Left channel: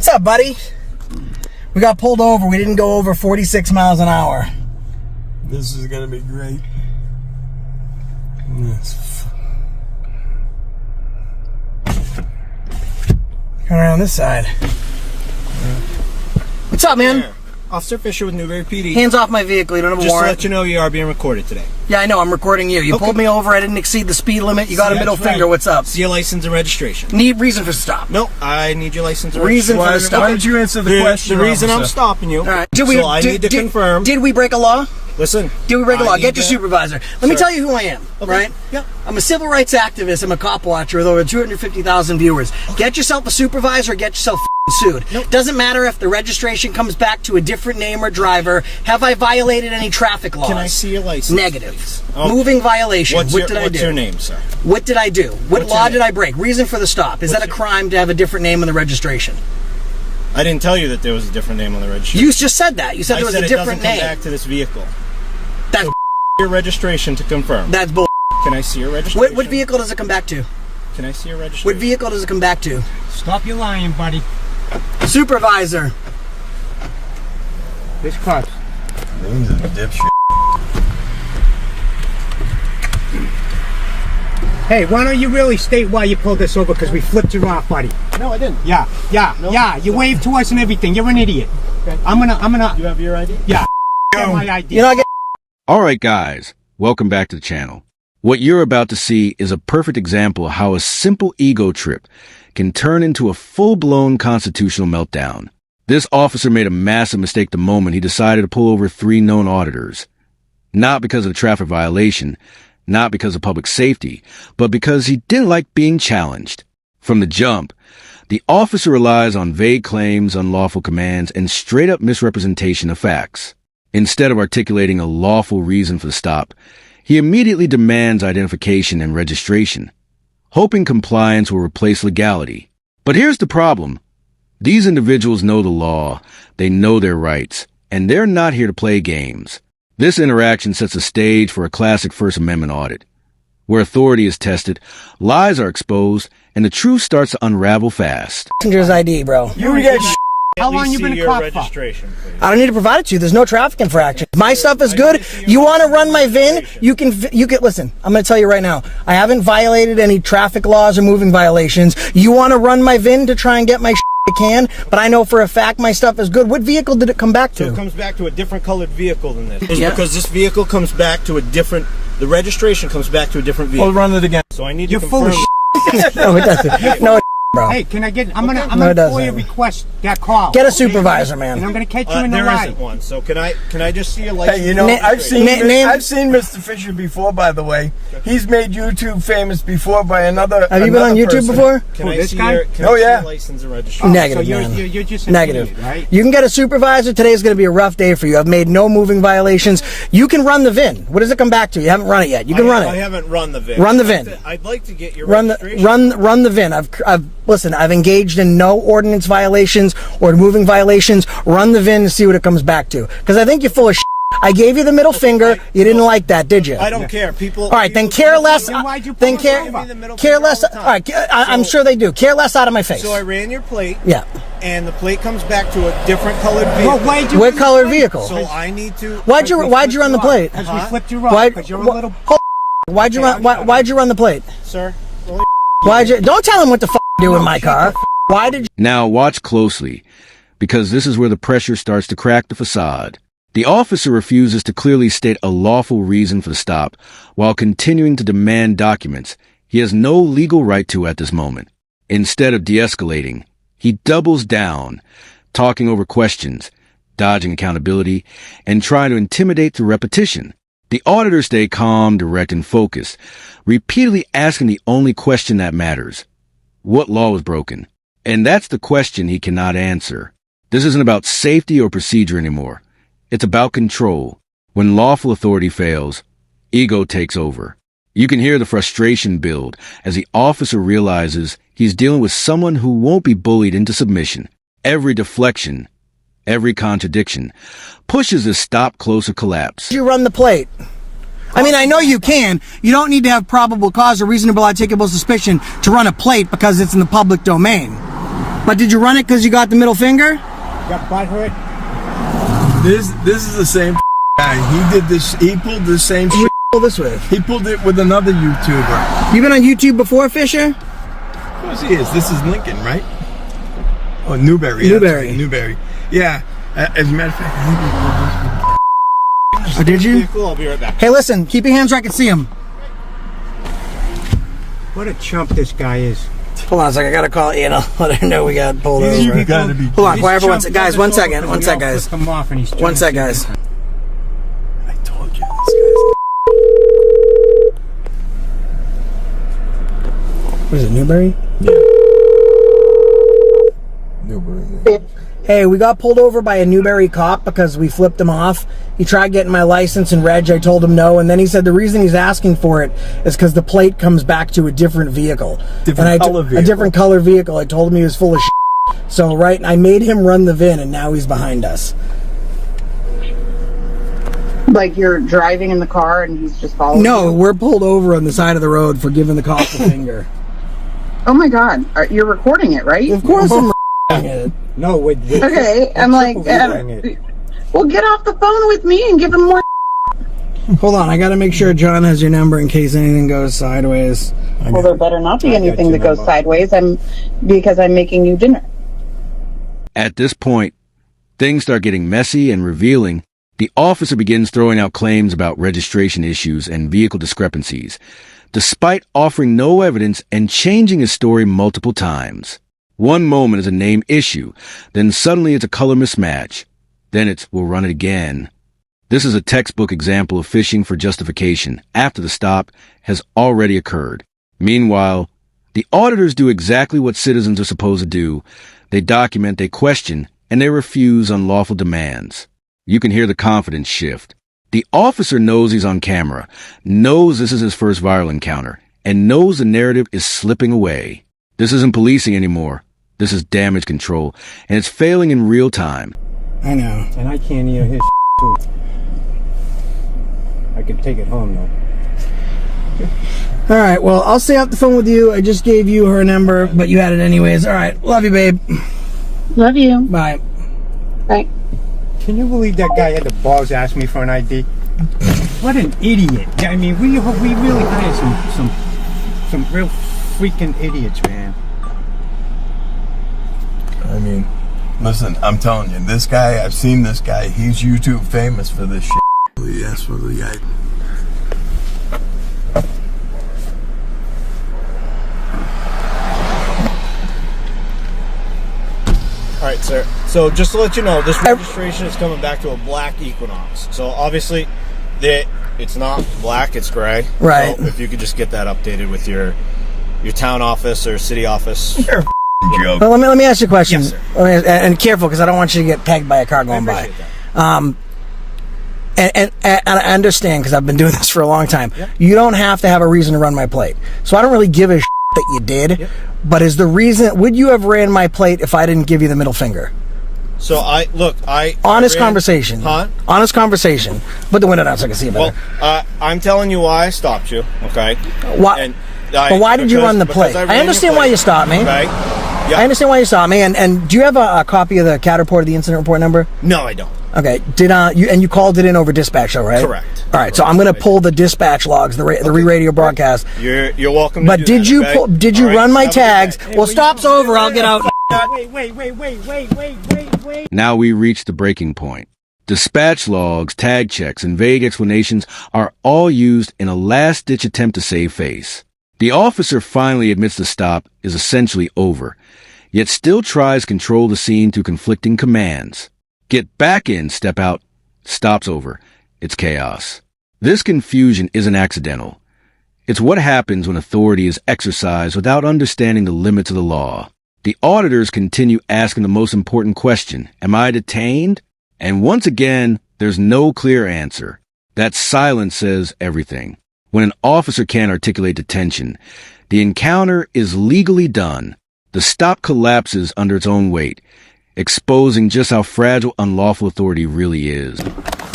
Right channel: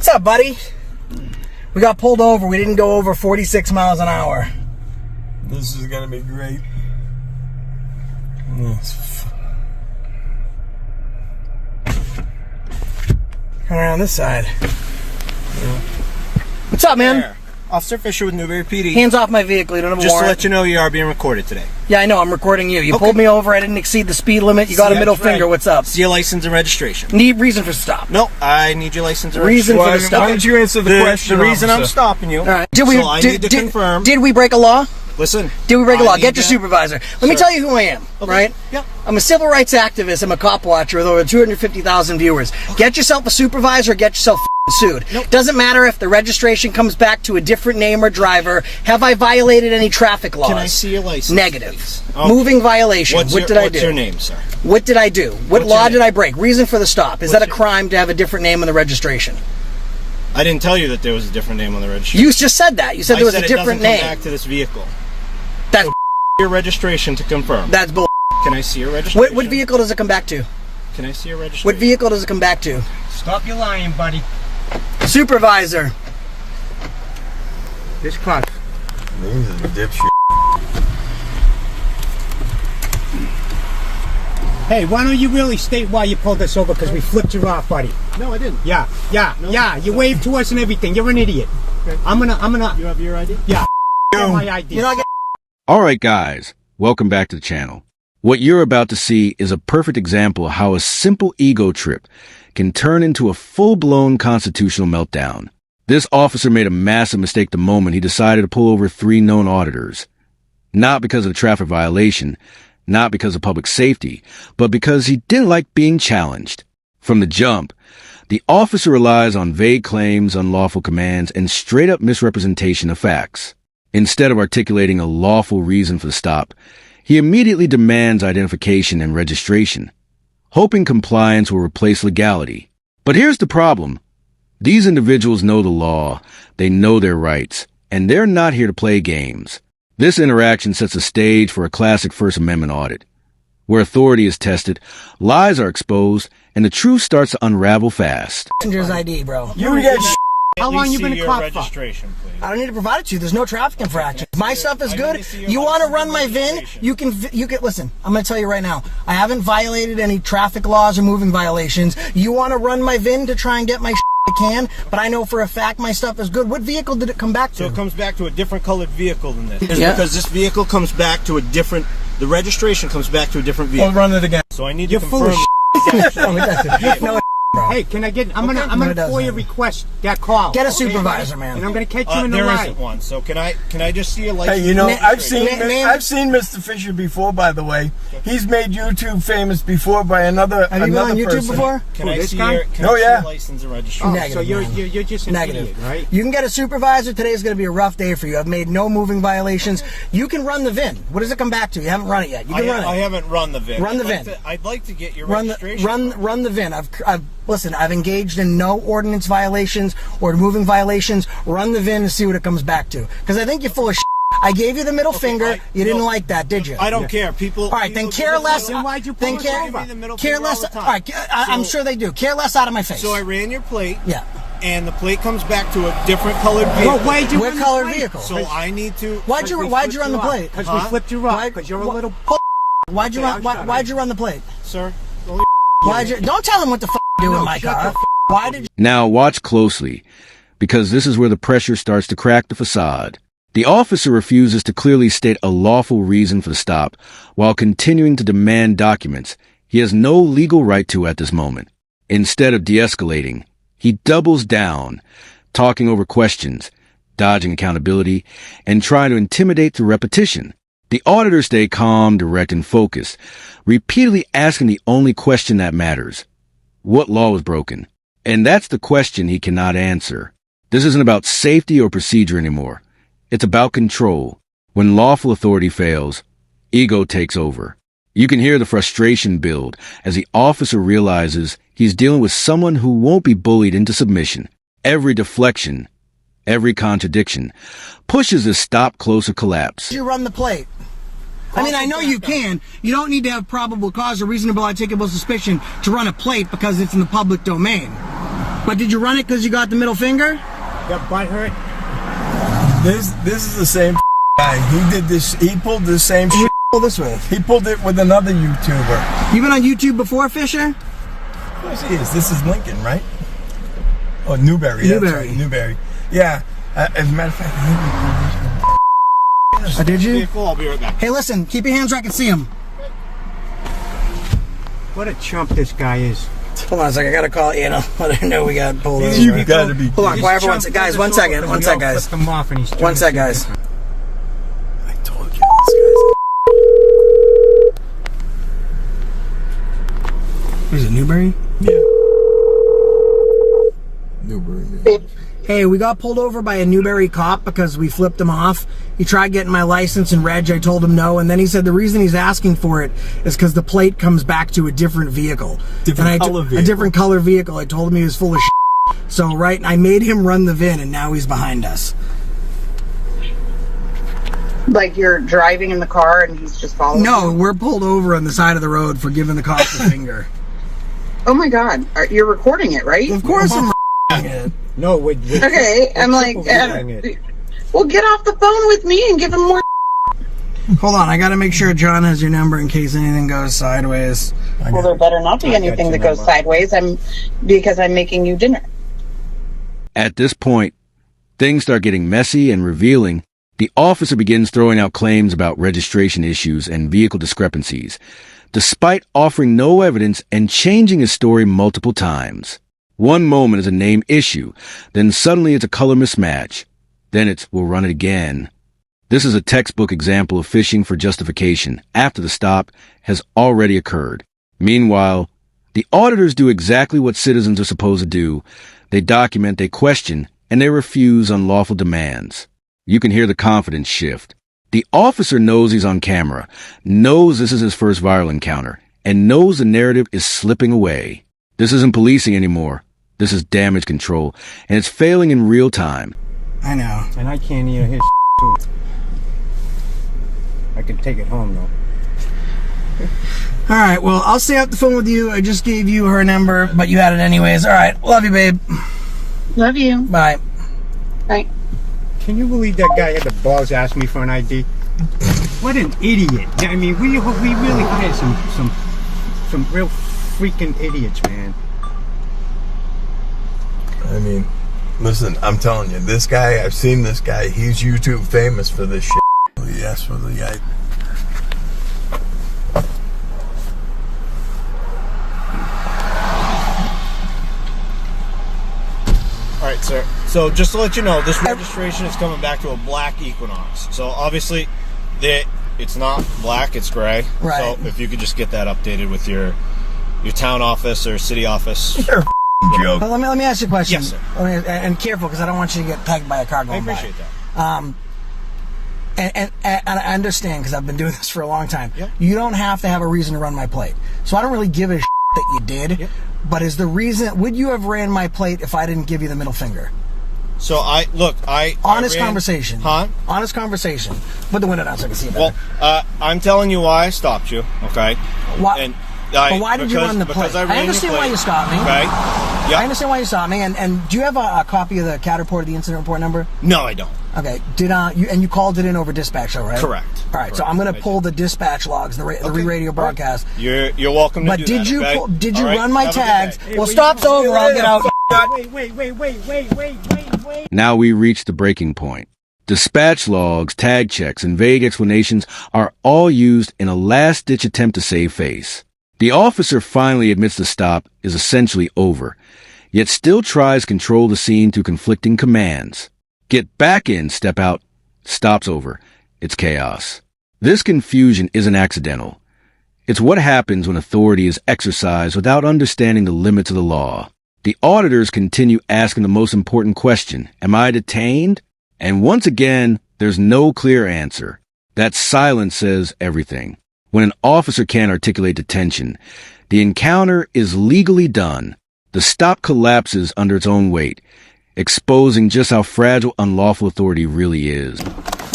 What's up, buddy? We got pulled over. We didn't go over 46 miles an hour. This is gonna be great. Yes. Come around this side. Yeah. What's up, man? Yeah. Officer Fisher with Newberry PD. Hands off my vehicle. You don't have a Just warrant. to let you know, you are being recorded today. Yeah, I know. I'm recording you. You pulled me over. I didn't exceed the speed limit. You got a middle finger. What's up? See your license and registration. Need reason for stop. No, I need your license and Reason registration. for the stop. Why don't you answer the question? The reason I'm stopping you. All right. I need to confirm. Did we break a law? Listen. Did we break a law? Get your supervisor. Let me tell you who I am, Okay. right? Yeah. I'm a civil rights activist. I'm a cop watcher with over 250,000 viewers. Okay. Get yourself a supervisor, get yourself sued. Nope. Doesn't matter if the registration comes back to a different name or driver. Have I violated any traffic laws? Can I see your license? Negative. Moving violation. What did I do? What's your name, sir? What did I do? What law did I break? Reason for the stop. Is that a crime to have a different name on the registration? I didn't tell you that there was a different name on the registration. You just said that. You said there was a different name. It doesn't come back to this vehicle. That's your registration to confirm. That's bull. Can I see your registration? What vehicle does it come back to? Can I see your registration? What vehicle does it come back to? Stop your lying, buddy. Supervisor. This car. He's a dipshit. Hey, why don't you really state why you pulled us over? Because we flipped you off, buddy. No, I didn't. Yeah. You waved to us and everything. You're an idiot. Okay. I'm gonna. You have your ID? Yeah. My ID. You're not getting. Alright guys, welcome back to the channel. What you're about to see is a perfect example of how a simple ego trip can turn into a full-blown constitutional meltdown. This officer made a massive mistake the moment he decided to pull over 3 known auditors. Not because of the traffic violation, not because of public safety, but because he didn't like being challenged. From the jump, the officer relies on vague claims, unlawful commands, and straight-up misrepresentation of facts. Instead of articulating a lawful reason for the stop, he immediately demands identification and registration, hoping compliance will replace legality. But here's the problem. These individuals know the law, they know their rights, and they're not here to play games. This interaction sets the stage for a classic First Amendment audit, where authority is tested, lies are exposed, and the truth starts to unravel fast. Passenger's ID, bro. You get. How long you been a cop for? I don't need to provide it to you. There's no traffic infraction. My stuff is good. You want to run my VIN? You can. Listen. I'm going to tell you right now. I haven't violated any traffic laws or moving violations. You want to run my VIN to try and get my I can, but I know for a fact my stuff is good. What vehicle did it come back to? So it comes back to a different colored vehicle than this. Because this vehicle comes back to a different. The registration comes back to a different vehicle. I'll run it again. So I need You're to full of No, it doesn't. No, bro. Hey, can I get? I'm gonna FOIA request that call. Get a supervisor, man. And I'm gonna catch you in the There lie. isn't one. So can I just see a license? Hey, you know, I've seen Mr. Fisher before, by the way. He's made YouTube famous before by another Have you been on YouTube person. before? Can I this see guy? your license and registration? Negative, So man. you're just an Negative. idiot, right? You can get a supervisor. Today's going to be a rough day for you. I've made no moving violations. You can run the VIN. What does it come back to? You haven't run it yet. You can run it. I haven't run the VIN. Run the VIN. I'd like to get your Run registration. run the VIN. I've engaged in no ordinance violations or moving violations. Run the VIN and see what it comes back to. Because I think you're full of shit. I gave you the middle finger. You didn't like that, did you? I don't care. People. All right, then care less. Then why'd you Then pull care. us over? the middle Care finger less. all the All time. right, I'm sure they do. Care less out of my face. So I ran your plate. Yeah. And the plate comes back to a different colored vehicle. Well, why'd you What run the color plate? vehicle? So I need to. Why'd you run the plate? Because we flipped you off. Because you're a little. Why'd you run the plate? Sir. Don't tell him what the f to do in my car. Why did you? Now watch closely, because this is where the pressure starts to crack the facade. The officer refuses to clearly state a lawful reason for the stop, while continuing to demand documents he has no legal right to at this moment. Instead of de-escalating, he doubles down, talking over questions, dodging accountability, and trying to intimidate through repetition. The auditors stay calm, direct, and focused, repeatedly asking the only question that matters. What law was broken? And that's the question he cannot answer. This isn't about safety or procedure anymore. It's about control. When lawful authority fails, ego takes over. You can hear the frustration build as the officer realizes he's dealing with someone who won't be bullied into submission. Every deflection, every contradiction, pushes his stop closer collapse. You run the plate. I mean, I know you can. You don't need to have probable cause or reasonable articulable suspicion to run a plate because it's in the public domain. But did you run it because you got the middle finger? Got butt hurt. This is the same guy. He did this. He pulled the same Who shit. pull this with? He pulled it with another YouTuber. You been on YouTube before, Fisher? Of course he is. This is Lincoln, right? Oh, Newberry. Newberry. Right, Newberry. Yeah. As a matter of fact, he Oh, did you? Vehicle, I'll be right back. Hey, listen. Keep your hands where I can see him. What a chump this guy is. Hold on a second. I gotta call Anna. Let her know we got pulled over. You gotta be. Hold on, This quiet for one chump second. Guys, pulled one us second. over One and we second, all guys. flipped him off and he's One sec, guys. I told you. What is it, Newberry? Yeah. Newberry. Yeah. Hey, we got pulled over by a Newberry cop because we flipped him off. He tried getting my license and reg. I told him no, and then he said the reason he's asking for it is because the plate comes back to a different vehicle. Different color vehicle. A different color vehicle. I told him he was full of shit. So, right, I made him run the VIN, and now he's behind us. Like you're driving in the car and he's just following No, you? we're pulled over on the side of the road for giving the cop the finger. Oh my God. You're recording it, right? Of course I'm it. No, with Okay, I'm like, well, get off the phone with me and give him more. Hold on, I gotta make sure John has your number in case anything goes sideways. Well, there better not be anything that goes sideways. Because I'm making you dinner. At this point, things start getting messy and revealing. The officer begins throwing out claims about registration issues and vehicle discrepancies, despite offering no evidence and changing his story multiple times. One moment is a name issue, then suddenly it's a color mismatch. Then it's, we'll run it again. This is a textbook example of fishing for justification after the stop has already occurred. Meanwhile, the auditors do exactly what citizens are supposed to do. They document, they question, and they refuse unlawful demands. You can hear the confidence shift. The officer knows he's on camera, knows this is his first viral encounter, and knows the narrative is slipping away. This isn't policing anymore. This is damage control, and it's failing in real time. I know. And I can't hear his too. I can take it home though. All right, well, I'll stay off the phone with you. I just gave you her number, but you had it anyways. All right, love you, babe. Love you. Bye. Bye. Can you believe that guy had the balls to ask me for an ID? What an idiot! I mean, we really hired some real freaking idiots, man. I mean, listen, I'm telling you, this guy, I've seen this guy. He's YouTube famous for this shit. Yes, for the guy. All right, sir. So just to let you know, this registration is coming back to a black Equinox. So obviously, it's not black; it's gray. Right. So if you could just get that updated with your town office or city office. You're a joke. Well, let me ask you a question. Yes, sir. And careful, because I don't want you to get pegged by a car I going by. appreciate that. And I understand, because I've been doing this for a long time. Yep. You don't have to have a reason to run my plate. So I don't really give a shit that you did. Yep. But is the reason, would you have ran my plate if I didn't give you the middle finger? So Honest conversation. Huh? Honest conversation. Put the window down so I can see it better. Well, I'm telling you why I stopped you. Okay. Why? And But why did you run the plate? I understand why you stopped me. Okay. Yep. I understand why you stopped me. And do you have a copy of the CAD report, the incident report number? No, I don't. Okay. You called it in over dispatch, though, right? Correct. All right. So I'm going to pull the dispatch logs, the re-radio broadcast. You're welcome. But to do did that, you okay? did you All right, run my have a good tags? day. Well, stop's over. I'll get out. Wait. Now we reach the breaking point. Dispatch logs, tag checks, and vague explanations are all used in a last-ditch attempt to save face. The officer finally admits the stop is essentially over, yet still tries to control the scene through conflicting commands. Get back in, step out, stop's over. It's chaos. This confusion isn't accidental. It's what happens when authority is exercised without understanding the limits of the law. The auditors continue asking the most important question, am I detained? And once again, there's no clear answer. That silence says everything. When an officer can't articulate detention, the encounter is legally done. The stop collapses under its own weight, exposing just how fragile unlawful authority really is.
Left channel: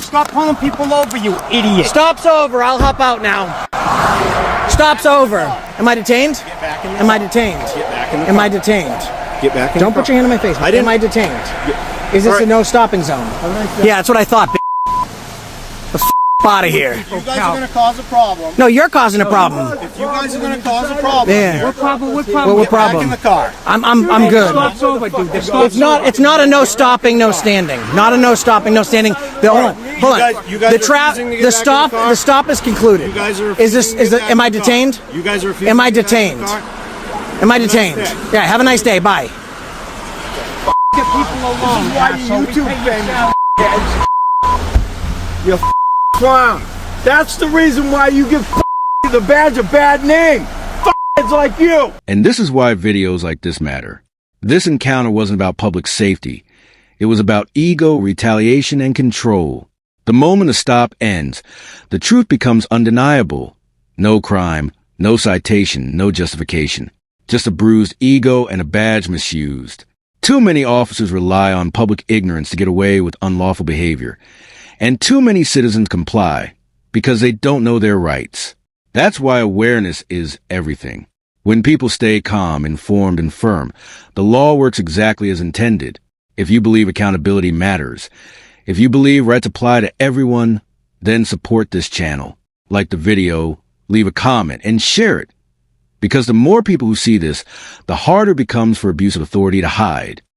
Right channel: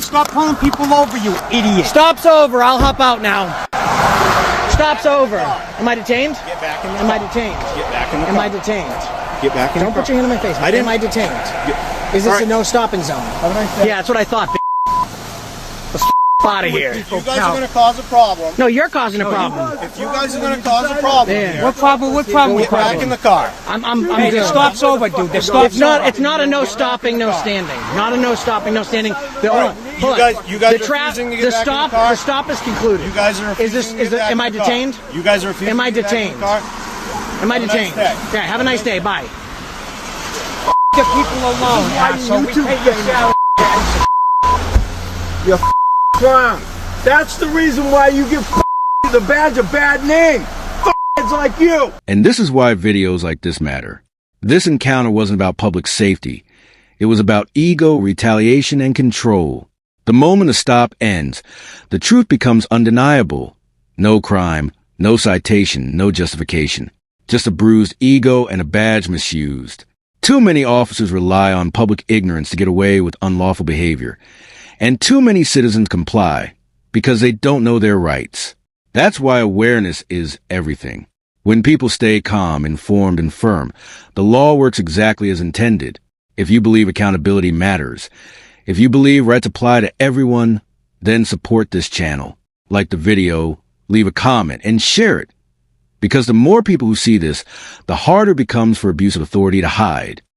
Stop pulling people over, you idiot! Stop's over. I'll hop out now. Stop's over. Am I detained? Get back in the Am I car. detained? Get back in the Am car. I detained? Get back in Don't the put car. your hand on my face. I didn't. Am I detained? Is this All right. a no stopping zone? Have a nice day. Yeah, that's what I thought. The out of here. If you guys are going to cause a problem, No, you're causing a problem. if you guys are going to cause a problem Yeah. here, What problem? What get back in the car. I'm good. Stop's over, dude. The stop's It's not a no stopping, no standing. Not a no stopping, no standing. The right. You guys the refusing to get back in the car? The stop is concluded. You guys are Is this? refusing to Is get it? back Am in I the car. detained? You guys are refusing Am I to get back in detained? the car? Am I Have a nice detained? day. Yeah. Have a nice day. Bye. why you YouTube You clown. That's the reason why you give the badge a bad name. It's like you. And this is why videos like this matter. This encounter wasn't about public safety. It was about ego, retaliation, and control. The moment a stop ends, the truth becomes undeniable. No crime, no citation, no justification. Just a bruised ego and a badge misused. Too many officers rely on public ignorance to get away with unlawful behavior. And too many citizens comply because they don't know their rights. That's why awareness is everything. When people stay calm, informed, and firm, the law works exactly as intended. If you believe accountability matters, if you believe rights apply to everyone, then support this channel. Like the video, leave a comment, and share it. Because the more people who see this, the harder it becomes for abuse of authority to hide.